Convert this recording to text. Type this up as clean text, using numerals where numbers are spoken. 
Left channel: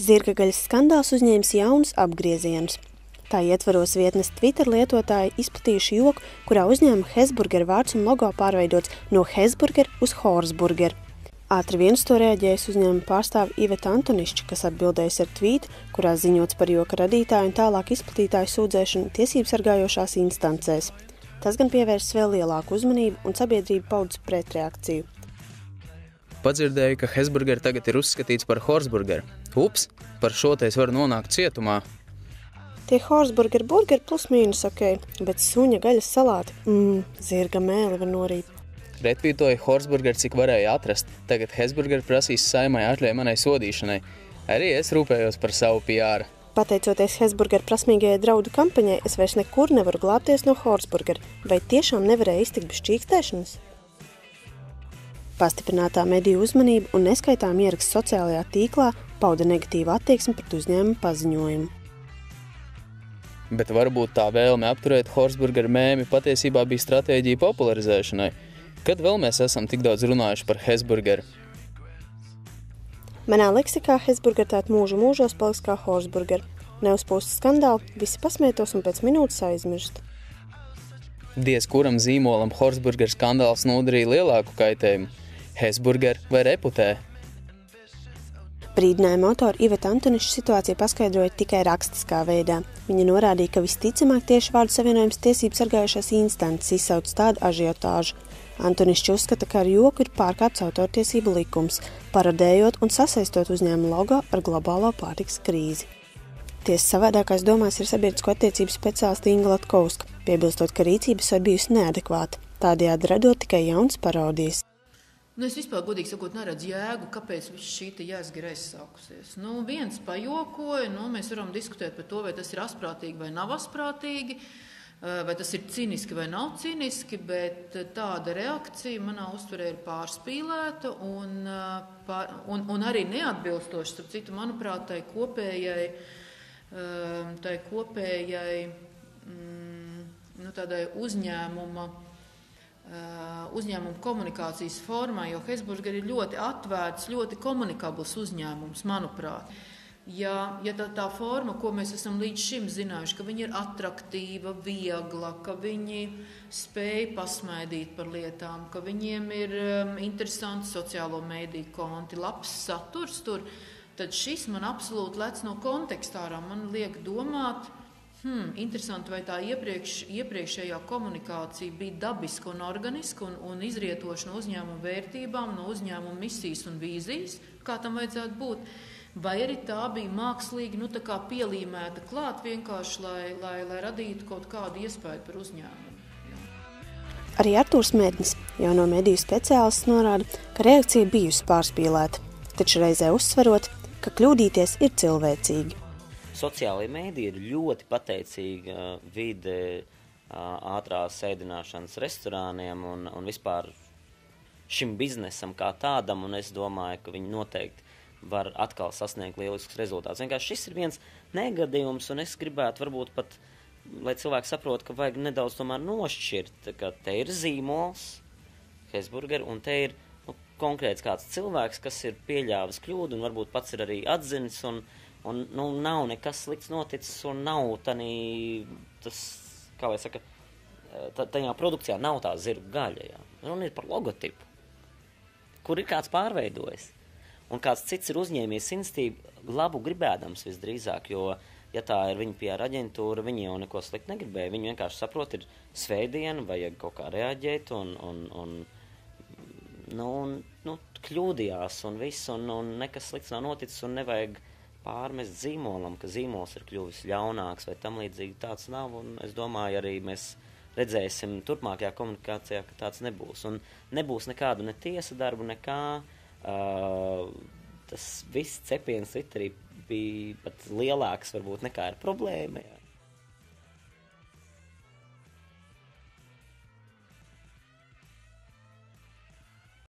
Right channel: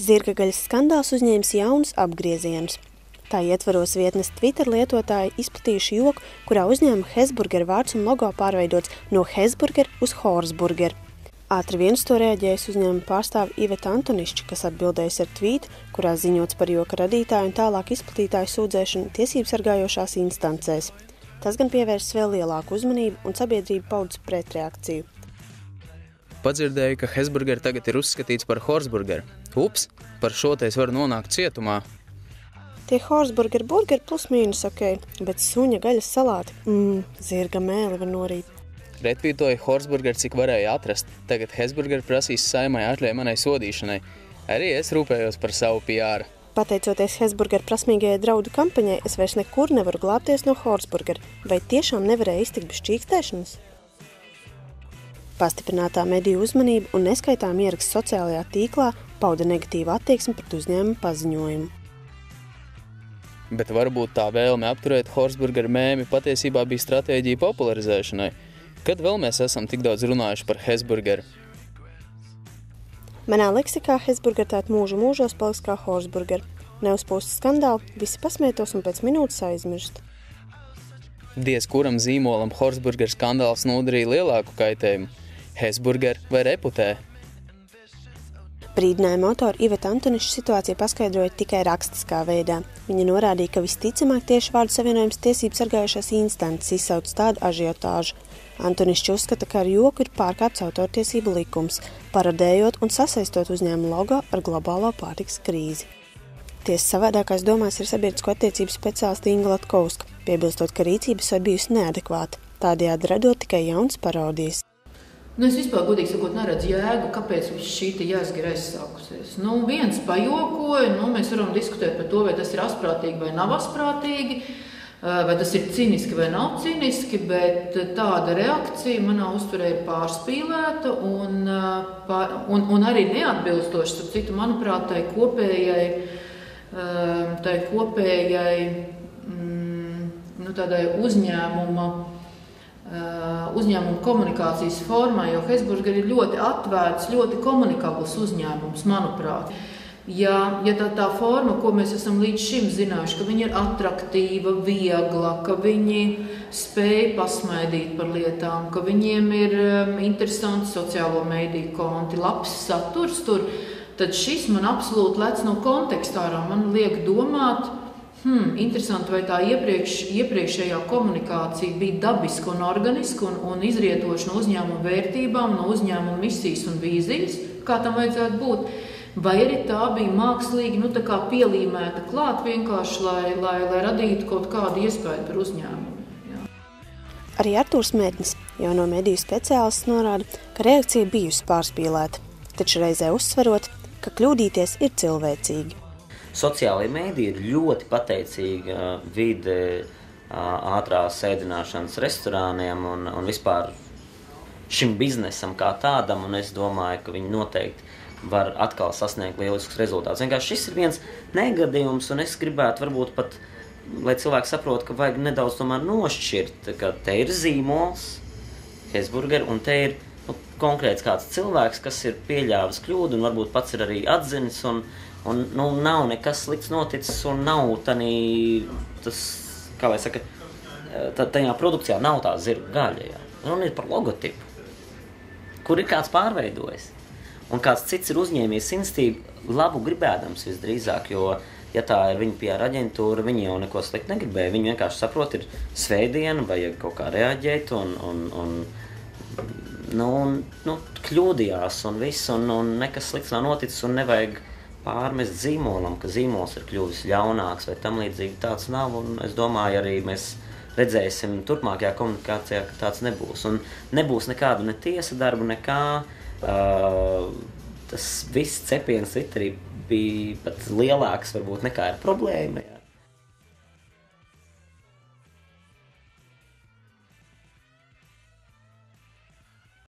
Zirgagaļas skandāls uzņēmis jaunus apgriezienus. Tā ietvaros vietnes Twitter lietotāji izplatījuši joku, kurā uzņēmuma Hesburger vārds un logo pārveidots no Hesburger uz Horsburger. Ātri vien uz to reaģējis uzņēmuma pārstāve Iveta Antonišķa, kas atbildējusi ar tvītu, kurā ziņots par joka radītāju un tālāk izplatītāju sūdzēšanu tiesību sargājošās instancēs. Tas gan pievērsis vēl lielāku uzmanību un sabiedrība paudz pretreakciju. Padzirdēju, ka Hesburger tagad ir uzskatīts par Horsburger. Ups, par šo te es varu nonākt cietumā. Tie Horsburger burgeri plus mīnus ok, bet suņa gaļas salāti, zirga mēli var norīt. Retvītoju Horsburger, cik varēja atrast. Tagad Hesburger prasīs Saeimai atļauju manai sodīšanai. Arī es rūpējos par savu PR. Pateicoties Hesburger prasmīgajai draudu kampaņai, es vairs nekur nevaru glābties no Horsburger. Vai tiešām nevarēja iztikt bez čīkstēšanas? Pastiprinātā mediju uzmanība un neskaitām ieraksts sociālajā tīklā pauda negatīvu attieksmi pret uzņēmumu paziņojumu. Bet varbūt tā vēlme apturēt Horsburger mēmi patiesībā bija stratēģija popularizēšanai. Kad vēl mēs esam tik daudz runājuši par Hesburgeru? Manā leksikā Hesburger tāt mūžu mūžos paliks kā Horsburger. Neuzpūst skandāli, visi pasmietos un pēc minūtes aizmirst. Diez kuram zīmolam Horsburger skandāls nodarīja lielāku kaitējumu. Hesburger vai reputē? Brīdinājuma autora Iveta Antonišķa situāciju paskaidroja tikai rakstiskā veidā. Viņa norādīja, ka visticamāk tieši vārdu savienojums tiesību sargājušās instances izsauc tādu ažiotāžu. Antonišķa uzskata, ka ar joku ir pārkāpts autortiesību likums, parodējot un sasaistot uzņēmuma logo ar globālo pārtikas krīzi. Tiesa savādākās domās ir sabiedrisko attiecību speciāliste Inga Latkovska, piebilstot, ka rīcības var bijusi neadekvāta, tādējādi radot tikai jaunas parodijas. Es vispār, godīgi sakot, neredzu jēgu, kāpēc šī jēzga ir aizsākusies. Viens pajokoja, mēs varam diskutēt par to, vai tas ir asprātīgi vai nav asprātīgi, vai tas ir ciniski vai nav ciniski, bet tāda reakcija manā uztverē ir pārspīlēta un arī neatbilstoši, starp citu, manuprāt, tai kopējai tādai uzņēmuma komunikācijas formā, jo Hesburger ir ļoti atvērts, ļoti komunikabls uzņēmums, manuprāt. Ja tā forma, ko mēs esam līdz šim zinājuši, ka viņi ir atraktīva, viegla, ka viņi spēj pasmaidīt par lietām, ka viņiem ir interesanti sociālo mediju konti, labs saturs tur, tad šis man absolūti lec no kontekstā ārā. Man liek domāt, interesanti, vai tā iepriekšējā komunikācija bija dabiska un organiska un izrietoša no uzņēmuma vērtībām, no uzņēmuma misijas un vīzijas, kā tam vajadzētu būt, vai arī tā bija mākslīgi, pielīmēta klāt vienkārši, lai radītu kaut kādu iespēju par uzņēmumu. Jā. Arī Artūrs Mednis, jauno mediju speciālists, norāda, ka reakcija bijusi pārspīlēta, taču reizē uzsverot, ka kļūdīties ir cilvēcīgi. Sociālajie mēdī ir ļoti pateicīga vide ātrās ēdināšanas restorāniem un vispār šim biznesam kā tādam, un es domāju, ka viņi noteikti var atkal sasniegt lieliskus rezultātus. Vienkārši šis ir viens negadījums, un es gribētu varbūt pat, lai cilvēki saprot, ka vajag nedaudz tomēr nošķirt, ka te ir zīmols, Hesburger, un te ir konkrēts kāds cilvēks, kas ir pieļāvis kļūdu, un varbūt pats ir arī atzinis, un nav nekas slikts noticis, un nav tas, kā lai saka, tajā produkcijā nav tā zirga gaļa, jā. Un ir par logotipu, kur ir kāds pārveidojis. Un kāds cits ir uzņēmies institīvu labu gribēdams visdrīzāk, jo, ja tā ir viņa PR aģentūra, viņi jau neko slikti negribēja. Viņi vienkārši saprot, ir svētdiena, vajag kaut kā reaģēt, un kļūdījās un viss, un nekas slikts nav noticis, un nevajag pārmest zīmolam, ka zīmols ir kļuvis ļaunāks vai tam līdzīgi tāds nav, un es domāju, arī mēs redzēsim turpmākajā komunikācijā, ka tāds nebūs. Un nebūs nekādu ne tiesa darbu, nekā. Tas viss cepiens Twitterī bija pat lielāks varbūt nekā ir problēma. Jā.